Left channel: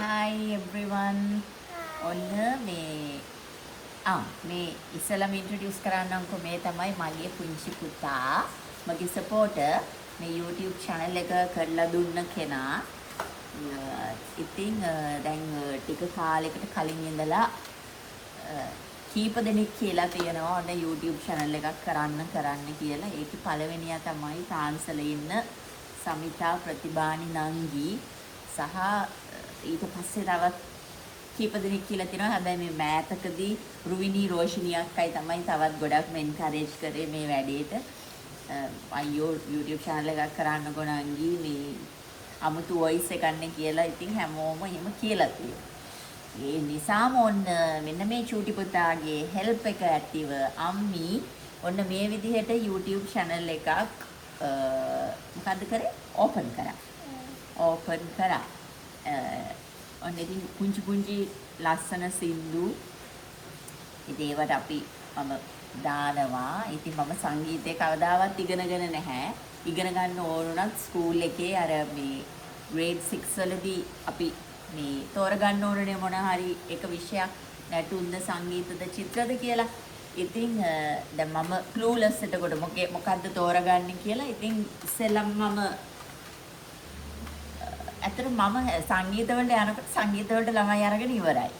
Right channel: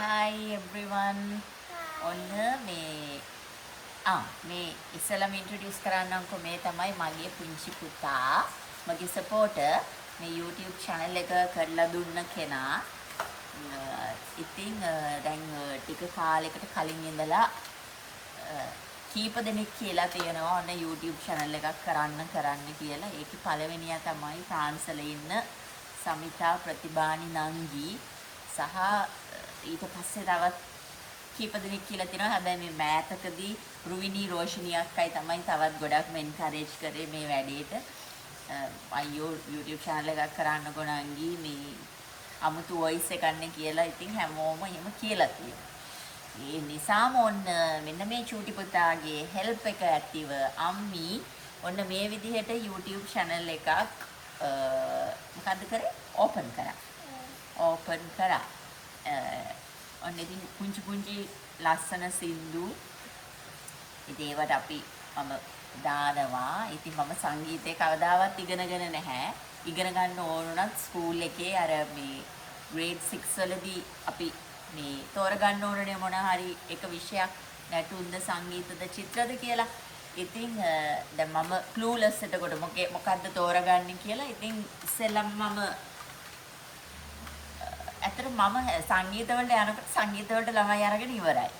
Hi everyone. ඔන්න මේ ඉස්සලම introduce කරන්නම්කෝ මේ තමයි මගේ පුංචි පුතා මගේ සපෝටර් මේ YouTube channel එක කරලා දුන්න කෙනා. ඉතින් දැන් ටික කාලයකට කලින් ඉඳලා කීප දෙනෙක් කියලා තියෙනවා ඔන්න YouTube channel එකක් කරන්න කියලා. ඒකේ පළවෙනියා තමයි ෆ්‍රාන්ස්වල ඉන්න සමිතා ප්‍රතිභානි නංගි සහ ඊට පස්සේ තවත් කීප දෙනෙක් කියලා තියෙනවා. හැබැයි මේ මෑතකදී රුවිනී රෝෂිනී අක්කයි තමයි තවත් ගොඩක් එන්කරේජ් කරේ මේ වැඩේට. අයියෝ YouTube channel එකක් කරන්නකෝ නංගි මේ අමුතු වොයිස් එකක් නේ කියලා ඉතින් හැමෝම එහෙම කියලා තියෙනවා. ඒ නිසාම ඔන්න මෙන්න මේ චූටි පුතාගේ හෙල්ප් එක ඇතිව අම්මි ඔන්න මේ විදිහට YouTube channel එකක් මොකද්ද කරේ? ඕපන් කරා. ඔන්න ඉතින් පුංචි ලස්සන සින්දු ඉතින් ඒවට අපි මම දානවා. ඉතින් මම සංගීතය කවදාවත් ඉගෙනගෙන නැහැ. ඉගෙන ගන්න ඕනුණත් ස්කූල් එකේ අර මේ grade 6 වලදී අපි මේ තෝරගන්න ඕනනේ මොන හරි එක විෂයක් නැටුම්ද සංගීතද චිත්‍රද කියලා. ඉතින් දැන් මම clueless එතකොට මොකද්ද තෝරගන්නේ කියලා. ඉතින් ඉස්සෙල්ලම මම ඇත්තට මම සංගීත වලට යනකොට සංගීත වලට ළමයි අරගෙන ඉවරයි.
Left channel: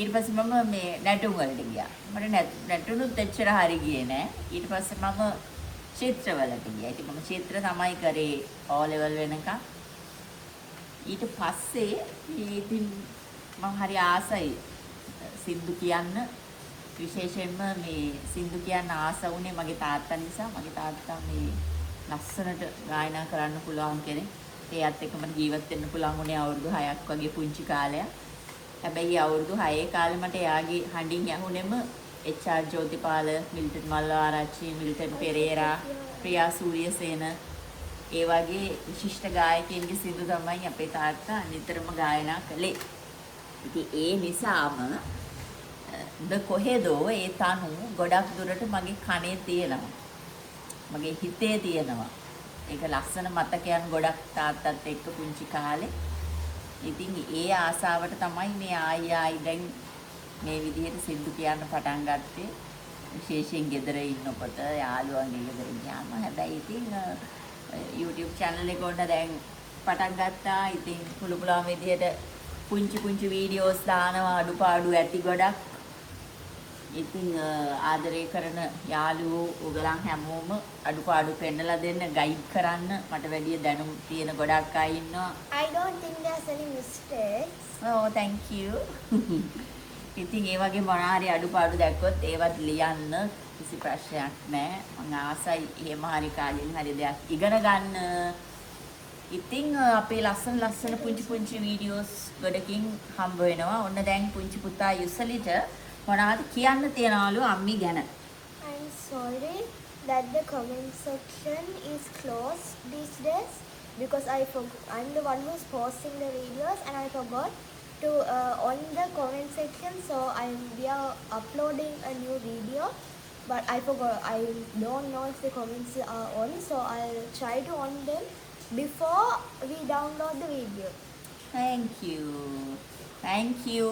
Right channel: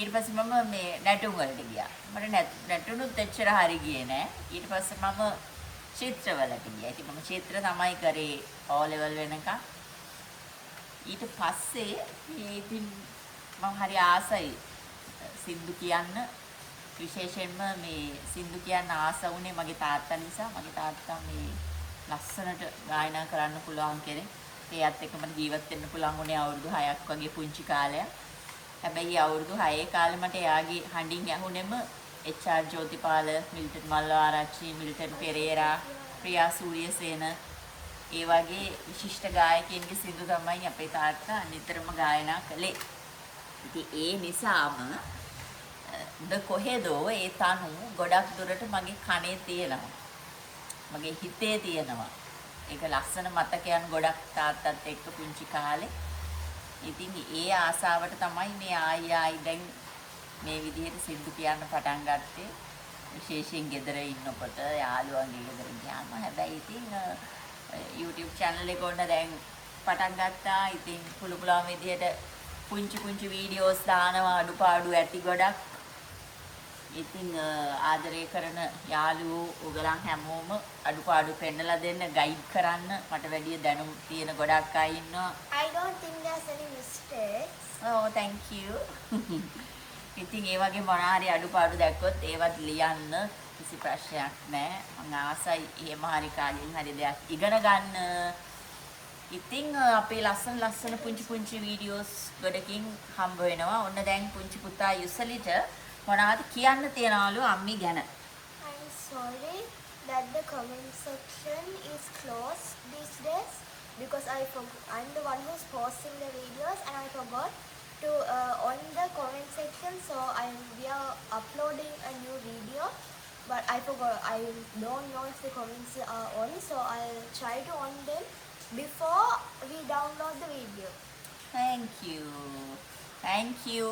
ඊට පස්සේ මම මේ නැටුම් වලට ගියා. මට නැටුනුත් එච්චර හරි ගියේ නෑ. ඊට පස්සේ මම චිත්‍ර වලට ගියා. ඉතින් මම චිත්‍ර තමයි කරේ O level වෙනකම්. ඊට පස්සේ මේ ඉතින් මම හරි ආසයි සින්දු කියන්න. විශේෂයෙන්ම මේ සින්දු කියන්න ආස වුණේ මගේ තාත්තා නිසා. මගේ තාත්තා මේ ලස්සනට ගායනා කරන්න පුළුවන් කෙනෙක්. ඒත් එක්ක මට ජීවත් වෙන්න පුළුවන් වුණේ අවුරුදු 6ක් වගේ පුංචි කාලයක්. හැබැයි අවුරුදු 6 කාලේ මට එයාගේ හඬින් ඇහුණෙම HR ජෝතිපාල, මිල්ටන් මල්ලාආරච්චි, මිල්ටන් පෙරේරා, ප්‍රියා සූරියසේන ඒ වගේ විශිෂ්ට ගායකයින්ගේ සින්දු තමයි අපේ තාත්තා නිතරම ගායනා කළේ. ඉතින් ඒ නිසාම කොහෙදෝ ඒ තනු ගොඩක් දුරට මගේ කනේ තියෙනවා. මගේ හිතේ තියෙනවා. ඒක ලස්සන මතකයන් ගොඩක් තාත්තත් එක්ක පුංචි කාලේ. ඉතින් ඒ ආසාවට තමයි මේ ආයි දැන් මේ විදිහට සින්දු කියන්න පටන් ගත්තේ. විශේෂයෙන් ගෙදර ඉන්නකොට යාළුවන්ගේ ගෙදර ගියාම. හැබැයි ඉතින් YouTube channel එක උඩ දැන් පටන් ගත්තා. ඉතින් පුළුවන් විදිහට පුංචි වීඩියෝස් දානවා අඩුපාඩු ඇති ගොඩක්. ඉතින් ආදරය කරන යාළුවෝ ඔයගලන් හැමෝම අඩුපාඩු පෙන්නලා දෙන්න ගයිඩ් කරන්න මට වැඩි දැනුම් තියෙන ගොඩක් අය ඉන්නවා. I don't think there's any mistakes. Oh, thank you. ඉතින් ඒ වගේ මොනාරි අඩුපාඩු දැක්කොත් ඒවත් ලියන්න කිසි ප්‍රශ්නයක් නැහැ. මම ආසයි එහෙම හරි කාගෙන් හරි දෙයක් ඉගෙන ගන්න. ඉතින් අපේ ලස්සන පුංචි වීඩියෝස් ගොඩකින් හම්බ වෙනවා. ඔන්න දැන් පුංචි පුතා යුසලිට මොනවද කියන්න තියනවලු අම්මි ගැන? I'm sorry that the comment section is closed these days because I'm the one who's posting the videos and I forgot to on the comment section, so we are uploading a new video but I forgot. I don't know if the comments are on, so I'll try to on them before we download the video. Thank you.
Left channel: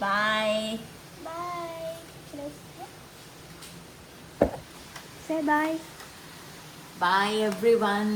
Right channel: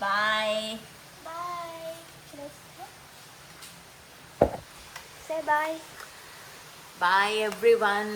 Bye. Bye. Can I say? Say bye. Bye everyone.